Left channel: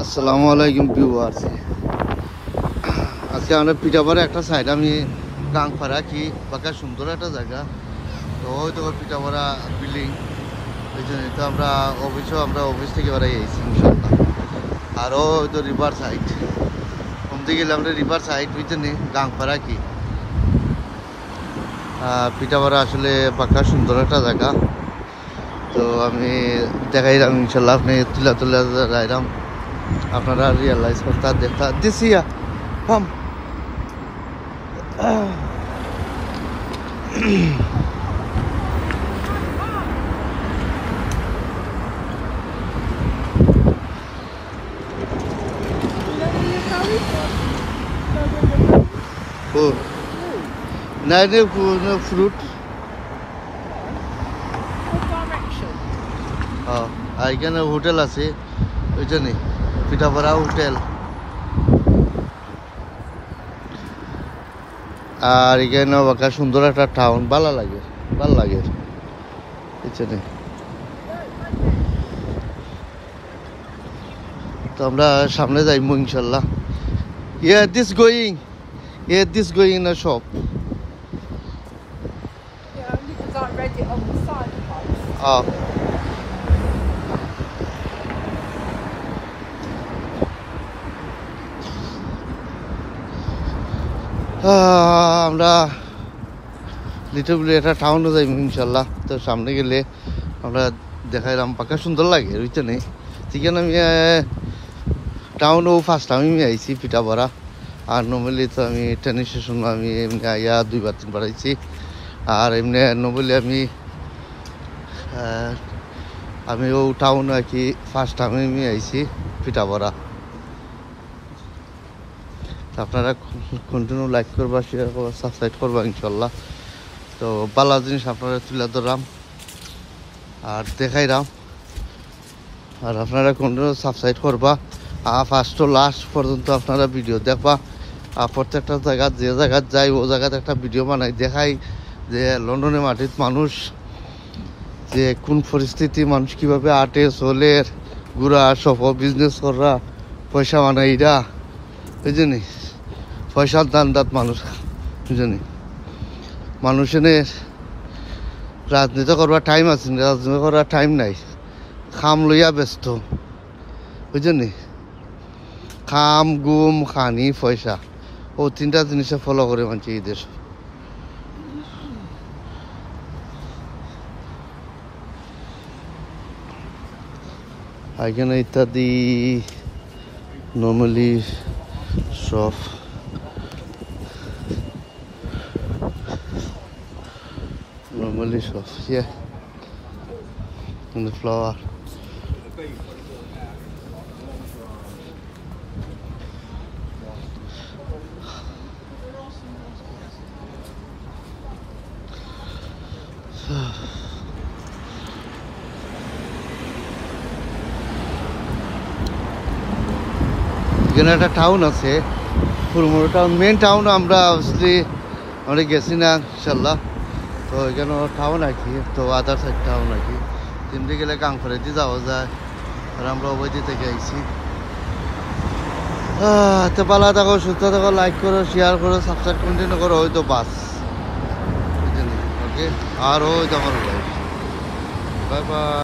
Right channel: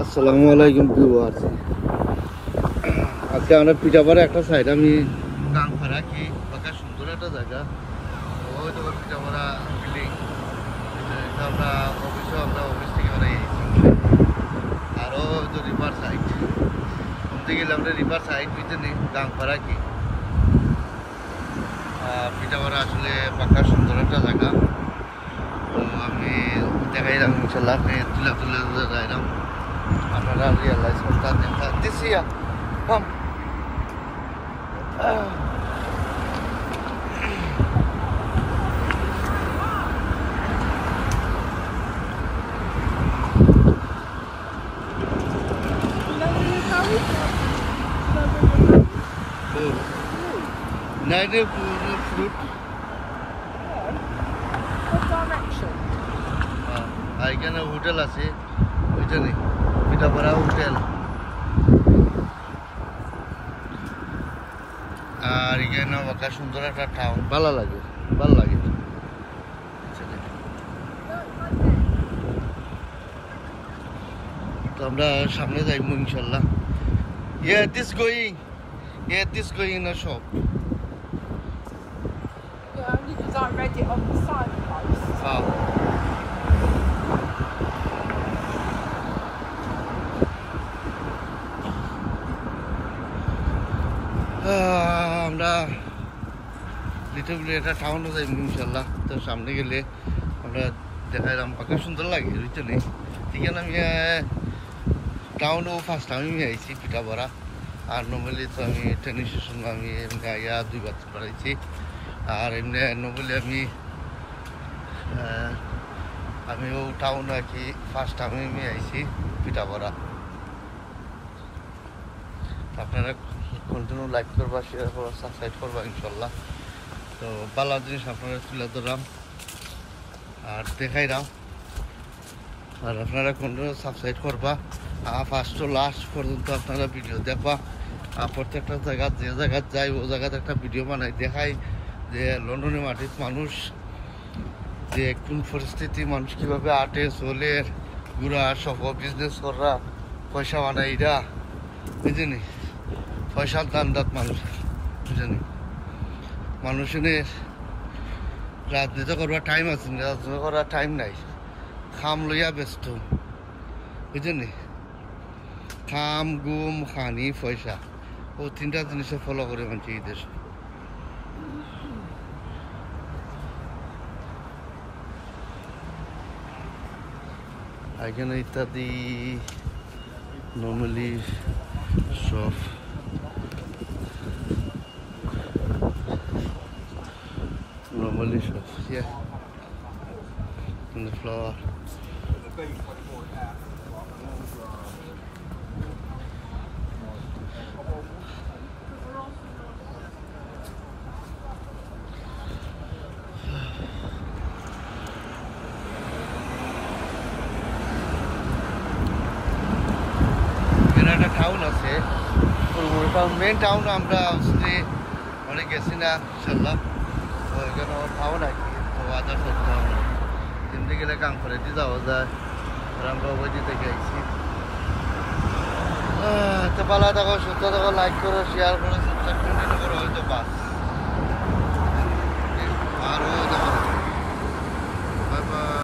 আসসালামু আলাইকুম ভিউয়ার্স। আজকে আমরা পিঠাপাড়া একটা সাইড আমি গাংপাড়া কি বাঁকা সুন্দর একটা জায়গা। তো হয়তো পিঠাপাড়া বিল্ডিং তো আমরা অফিস থেকে বেড়াই গেছি আরও হয়তো রিভার সাইড কমতে গেলে আমরা রিভার সাইড বুঝছেন গাংপাড়া কি পিঠাপাড়া আসলে বাঁকা সুন্দর একটা জায়গা। তো আমি দেখাইলাম ইনশাল্লাহ আপনি তুলা যাইলাম আপনারা রিয়েলাইজ করতে দেখা দিছি। Nine fruit. What direction? এখানে হোটেল আছে ওইখানে পিঠাপাড়া হোটেল। আর এখানে বাঁকা সুন্দর একটা টাউন ভালো লাগে এখানে। তো আমরা সামনে যাইব ইনশাল্লাহ। This going in a shop. Yeah, only because I read it on the side. আমরা লিটলি একটা টাউনও যাইব ইনশাল্লাহ। তো সামনে গেলে আমরা দেখাইলাম পাকা সুন্দর লাগে বুঝছেন। যেখানে আমি টাউনও ফার্স্ট আমি আইছি পিঠাপাড়া। আর নর্মালি তো আমি ট্রেন স্টেশন আমি এমনি আইয়া 2-3 বার আইছি। আর এমনি নর্মালি আমি ও টাউন আর কি ফার্স্ট আমি আইছি পিঠাপাড়া। আপনারা কন্টিনিউ লাইক করবা, শেয়ার করবা, সাবস্ক্রাইব করবা ইনশাল্লাহ। তো ভালো জিনিস আপনারা তুলে ধরাম আর দেখাইরাম। আর আপনারা কন্টিনিউ সাবস্ক্রাইব করবা আর ফার্স্ট টু লাস্ট পর্যন্ত আপনারা ভিডিও দেখবা। আর প্রত্যেকটা জায়গা যে জায়গায় যাই ও জায়গাতে একটা ভিডিও বানাই দেখাই যে লন্ডনের মাটির মানুষ যে কোন পরিস্থিতি, মানুষ কিভাবে আটে চলে ঘুরা সব বিজনেস করা পয়সা বানাই এরা বুঝলি। পয়সার দান্দাত মানুষ বুঝলি। মানুষের রাজনীতি করবার টাইম আছে, রাজনীতি করার টাইম নাই, খাম লইয়া ব্যস্ত বুঝলি। খাম গুম খানি পয়সা ও 3টা জিনিসে ফলো করে মানছি ঈদের। এখানে ইত্যাদি নর্মালি সব yeah, in the flower. এখানে একটা টাউন আছে ফুলমুড়ো টাউন, মেন টাউন আমরা অনেক গেছি না ইনশাল্লাহ। তো এখানে টাউন আর কি, তো আদার সাইড টাউন আর কি। তেমনি গেলে গাংপাড়াতে যাওয়া যায় আর আমরা অবৈধি থেকে আইছি। তো পালা দেখো, সুস্থ দেখো, লাইক করো, শেয়ার করো, সাবস্ক্রাইব কন্টিনিউ করো, হয়তো বাস আর ওই দেখো। Bye bye.